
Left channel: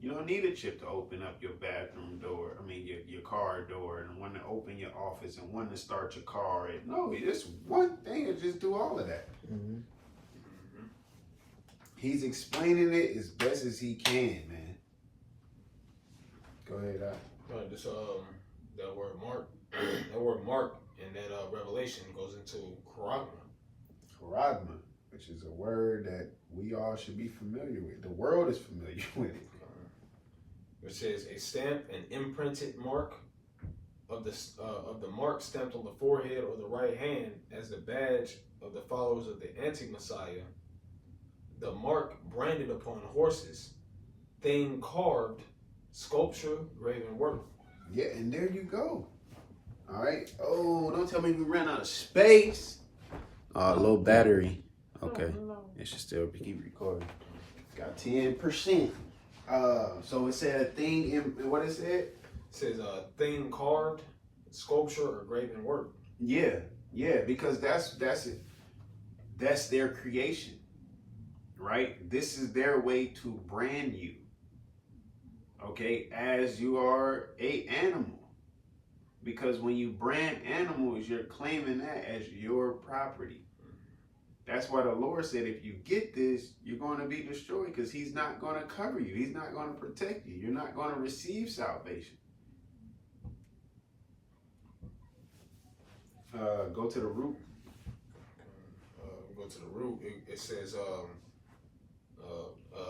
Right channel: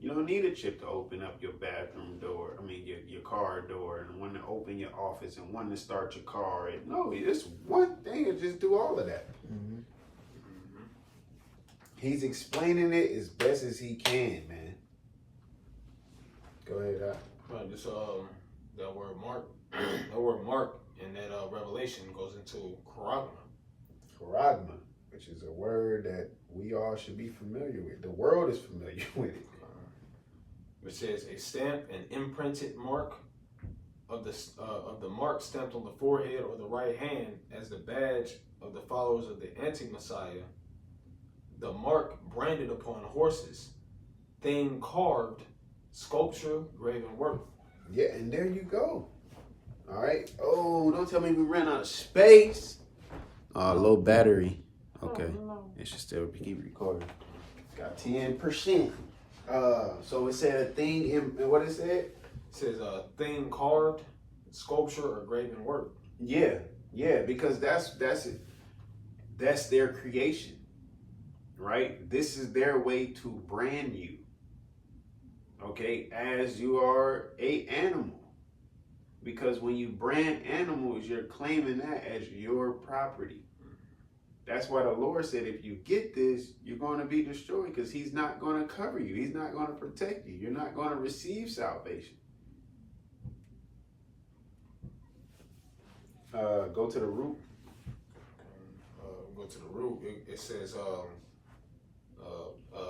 You don't need a chip to open up your bathroom door, your car door, and one to open your office, and one to start your car. And no, it's one thing to just do all of that. Mm-hmm. He's explaining it as best as he can, man. Go ahead, Right, this that word mark, in that Revelation goes into charagma. Charagma, which is a word that we all should be familiar with. The world is familiar with it. Which says a stamp, an imprinted mark of the mark stamped on the forehead or the right hand as the badge of the followers of the anti-Messiah. The mark branded upon horses, thing carved, sculpture, graven work. Yeah, and there you go. All right. Oh, don't tell me we ran out of space. Low battery. Okay. It should still keep recording. Got 10%. So it said a thing in what it said? It says a thing carved, sculpture, or graven work. Yeah, because that's it. That's their creation, right? This is their way to brand you, okay, as you are a animal. Because when you brand animals, you're claiming that as your property. That's why the Lord said, if you get this, you're going to be destroyed, because he's not going to cover you. He's not going to protect you. You're not going to receive salvation. Go to the root. Go to the root. It says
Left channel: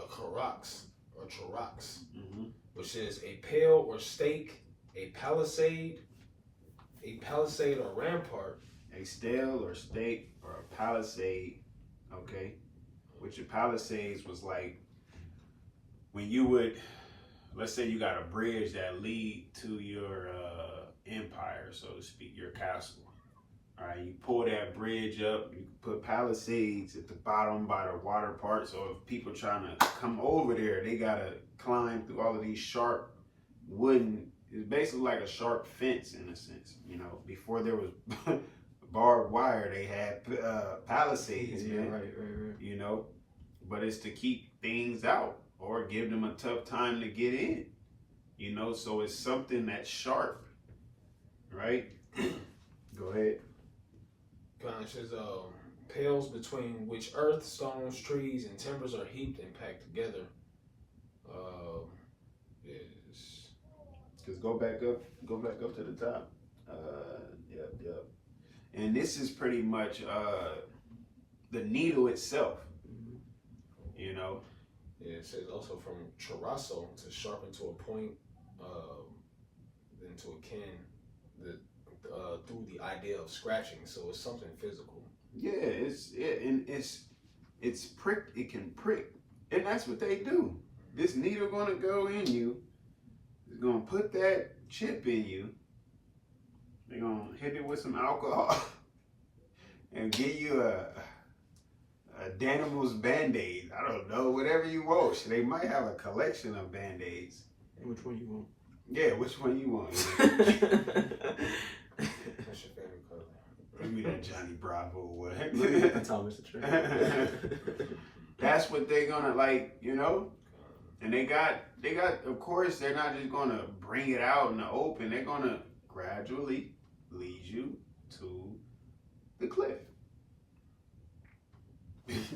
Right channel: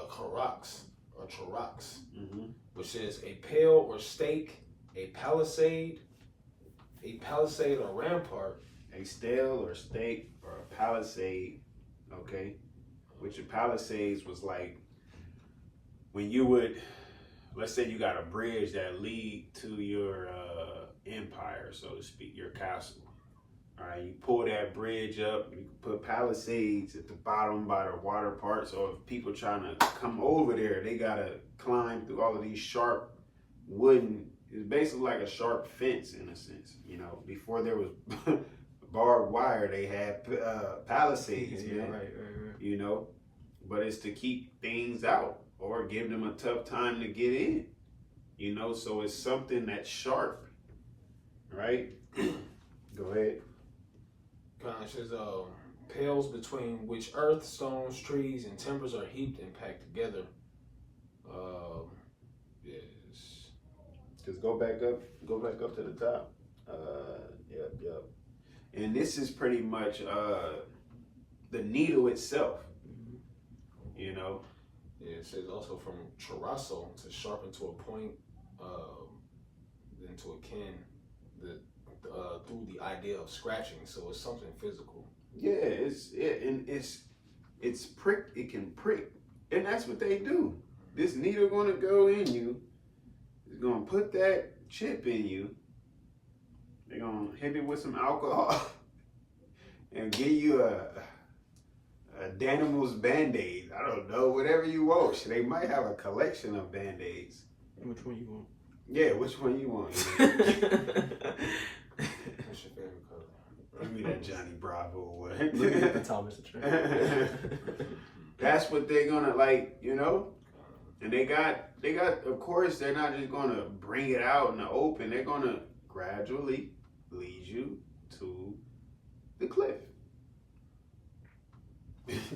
karax or charax, which is a pale or stake, a palisade or rampart. A stele or stake or a palisade, okay? Which a palisades was like when you would, let's say you got a bridge that lead to your empire, so to speak, your castle. All right, you pull that bridge up, you put palisades at the bottom by the water part, so if people trying to come over there, they gotta climb through all of these sharp wooden, it's basically like a sharp fence in a sense, you know. Before there was barbed wire, they had palisades, Yeah, man. right. You know, but it's to keep things out or give them a tough time to get in, you know. So it's something that's sharp, right? Go ahead. It says pales between which earth, stones, trees, and timbers are heaped and packed together. Just go back up to the top. Yep. And this is pretty much the needle itself, you know. Yeah, it says also from charasso, to sharpen to a point, then to a kin, through the idea of scratching. So it's something physical. Yeah, it's prick. It can prick, and that's what they do. This needle gonna go in you. It's gonna put that chip in you. They're gonna hit it with some alcohol and give you a Danimal's Band-Aid. I don't know, whatever you want. They might have a collection of Band-Aids. And which one you want? Yeah, which one you want? What's your favorite color? Give me that Johnny Bravo one. Let me get the Thomas the Train. That's what they're gonna, like, you know. And they got. Of course, they're not just gonna bring it out in the open. They're gonna gradually lead you to the cliff.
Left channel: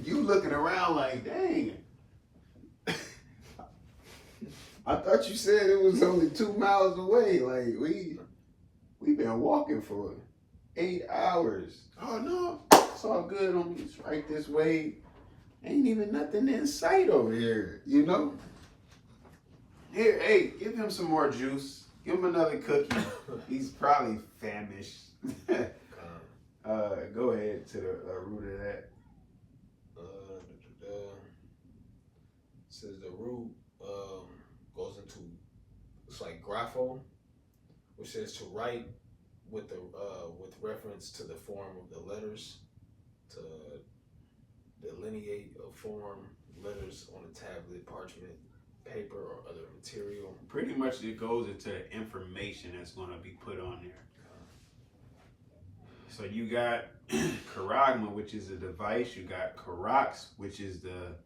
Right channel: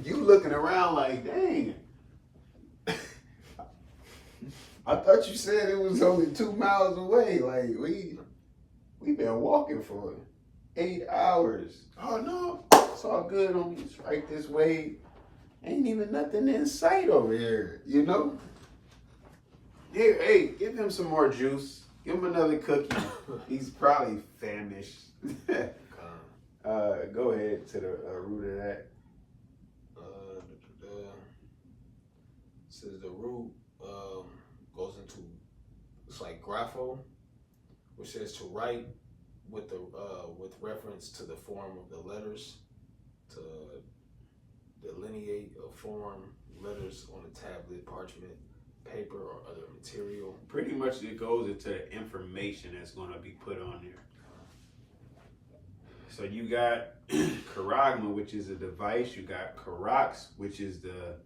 You looking around like, dang. I thought you said it was only 2 miles away. Like, we've been walking for 8 hours. Oh no, it's all good on this right this way. Ain't even nothing in sight over here, you know? Here, hey, give him some more juice. Give him another cookie. He's probably famished. Go ahead to the root of that. Says the root goes into, it's like grapho, which says to write, with the with reference to the form of the letters, to delineate or form letters on a tablet, parchment, paper, or other material. Pretty much it goes into the information that's going to be put on there. So you got charagma, which is a device. You got karax, which is the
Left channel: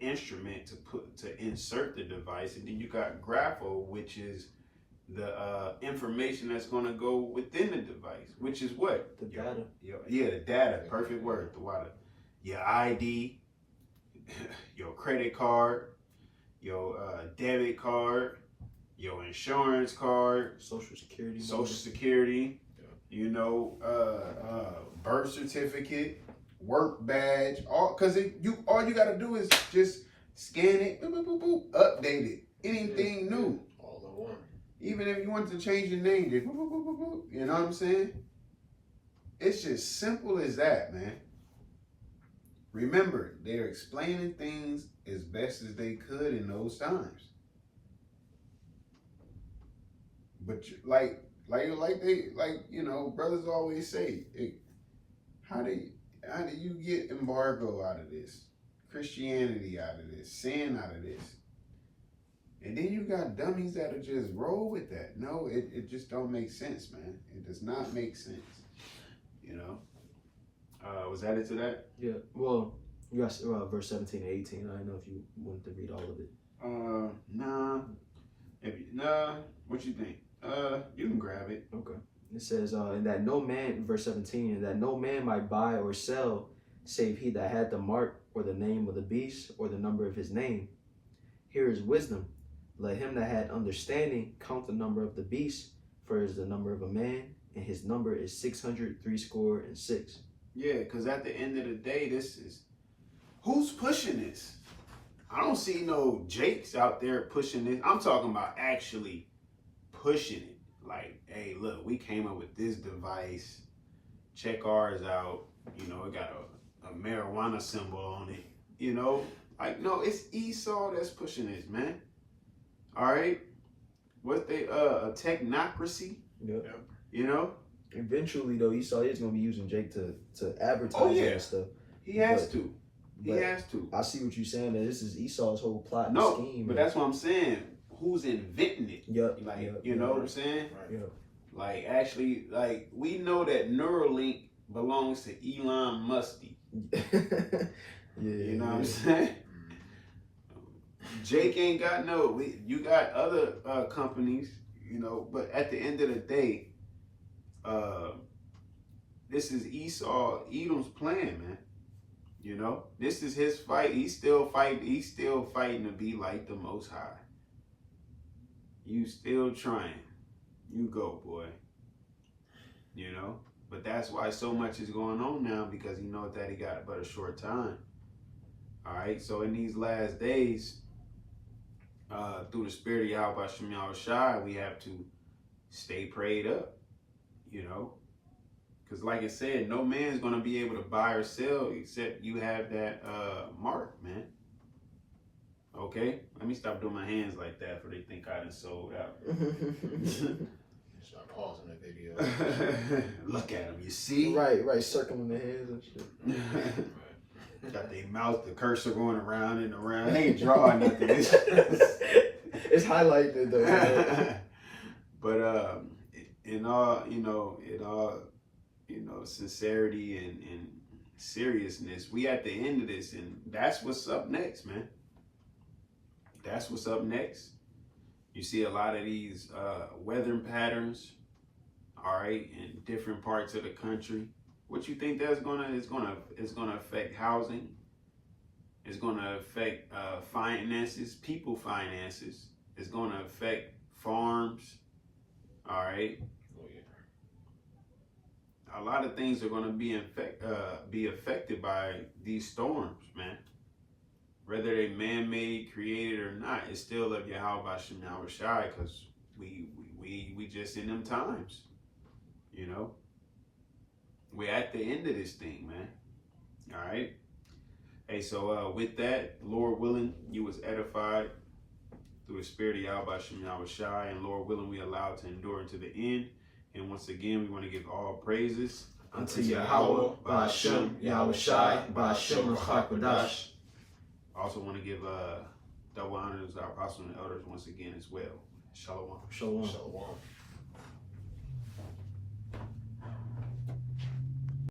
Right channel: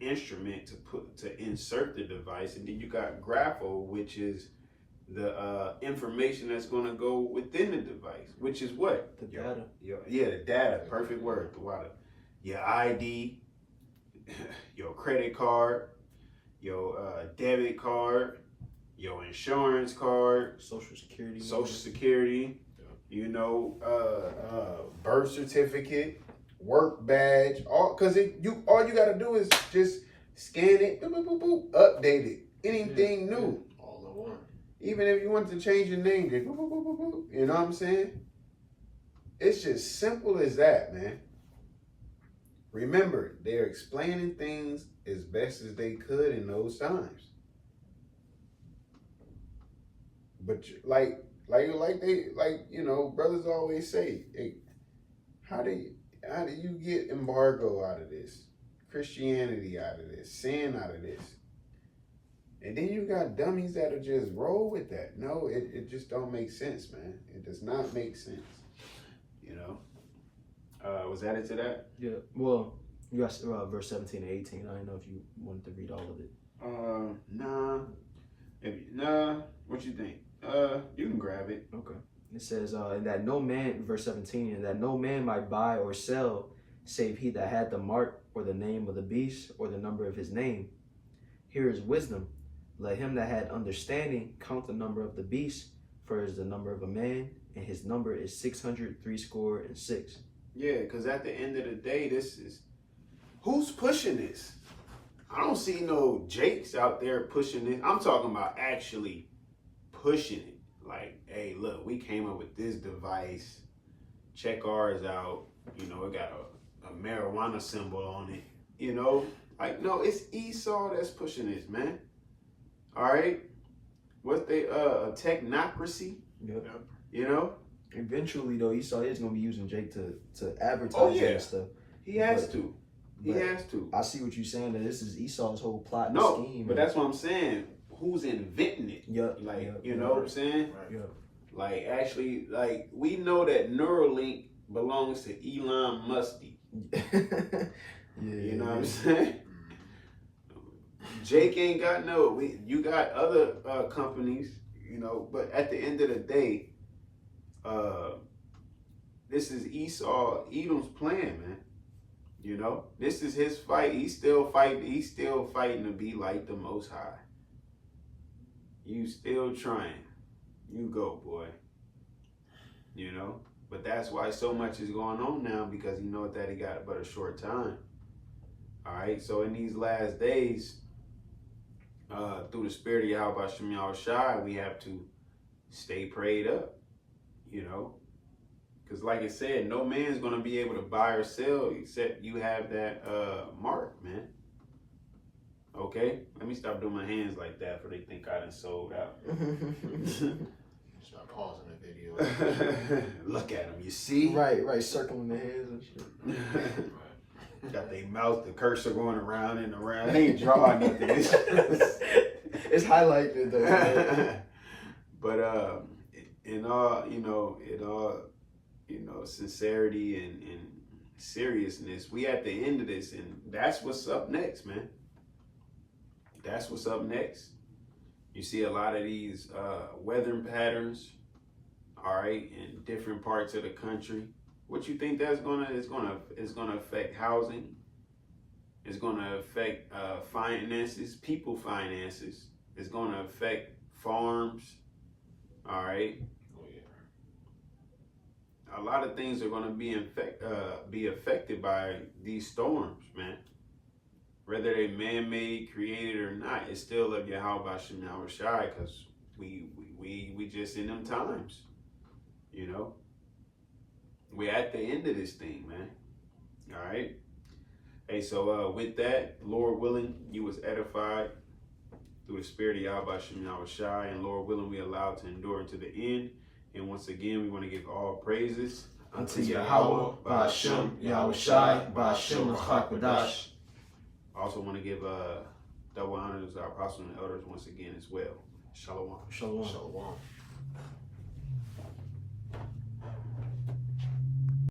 instrument to insert the device, and then you got grapho, which is the information that's going to go within the device, which is what? The data. Yeah, the data. Perfect word. The water. Your ID, your credit card, your debit card, your insurance card, Social Security. Social Security, you know, birth certificate, work badge, all because all you gotta do is just scan it, boop, boop, boop, boop, update it. Anything new. All in one. Even if you want to change your name, just boop, boop, boop, boop, boop, you know what I'm saying? It's just simple as that, man. Remember, they're explaining things as best as they could in those times. But like you know, brothers always say, hey, how do you get embargo out of this? Christianity out of this, sin out of this. And then you got dummies that'll just roll with that. No, it just don't make sense, man. It does not make sense. You know? Was that it to that? Yeah. Well, you got verse 17 and 18. I don't know if you wanted to read all of it. Nah. What you think? You can grab it. Okay. It says, and that no man, verse 17, and that no man might buy or sell, save he that had the mark or the name of the beast or the number of his name. Here is wisdom. Let him that had understanding count the number of the beast, for it is the number of a man, and his number is 666. Yeah, because at the end of the day, this is who's pushing this. I don't see no Jakes out there pushing this. I'm talking about actually pushing it. Like, hey, look, we came up with this device. Check ours out. You know, it got a marijuana symbol on it. You know, like, no, it's Esau that's pushing this, man. All right, what's they a technocracy? Yep. You know. Eventually, though, Esau is going to be using Jake to advertise and stuff. He has to. He has to. I see what you're saying. That this is Esau's whole plot and no, scheme. But that's what I'm saying. Who's inventing it? Yep. Like, you know what I'm saying? Right. Yep. Like, actually, like, we know that Neuralink belongs to Elon Musk. You know what I'm saying? Jake ain't got you got other companies, you know, but at the end of the day, this is Edom's plan, man. You know, this is his fight. He's still fighting to be like the Most High. You still trying. You go, boy. You know, but that's why so much is going on now, because he knows that he got but a short time. All right, so in these last days, through the spirit of YAHAWASHI, we have to stay prayed up, you know, because like I said, no man's going to be able to buy or sell except you have that mark, man. Okay, let me stop doing my hands like that for they think I done sold out. Start pausing the video. Look at them, you see? Right, circling the hands and shit. Got their mouth, the cursor going around and around. They ain't drawing nothing. It's highlighted though. But in all, sincerity and seriousness, we at the end of this, and that's what's up next, man. That's what's up next. You see a lot of these weather patterns, all right, in different parts of the country. What you think that's gonna affect housing? It's gonna affect finances, people finances. It's gonna affect farms. All right. Oh, yeah. A lot of things are gonna be affected by these storms, man. Whether they man-made, created or not, it's still of YAHAWASHI, because we just in them times, you know. We're at the end of this thing, man. All right. Hey, so with that, Lord willing, you was edified through the spirit of YAHAWASHI, and Lord willing, we allowed to endure into the end. And once again, we want to give all praises unto Yahawah, BAHASHAM, YAHAWASHI, BAHASHAM, QADASH. I also want to give double honors to our apostles and elders once again as well. Shalom. Shalom. Shalom.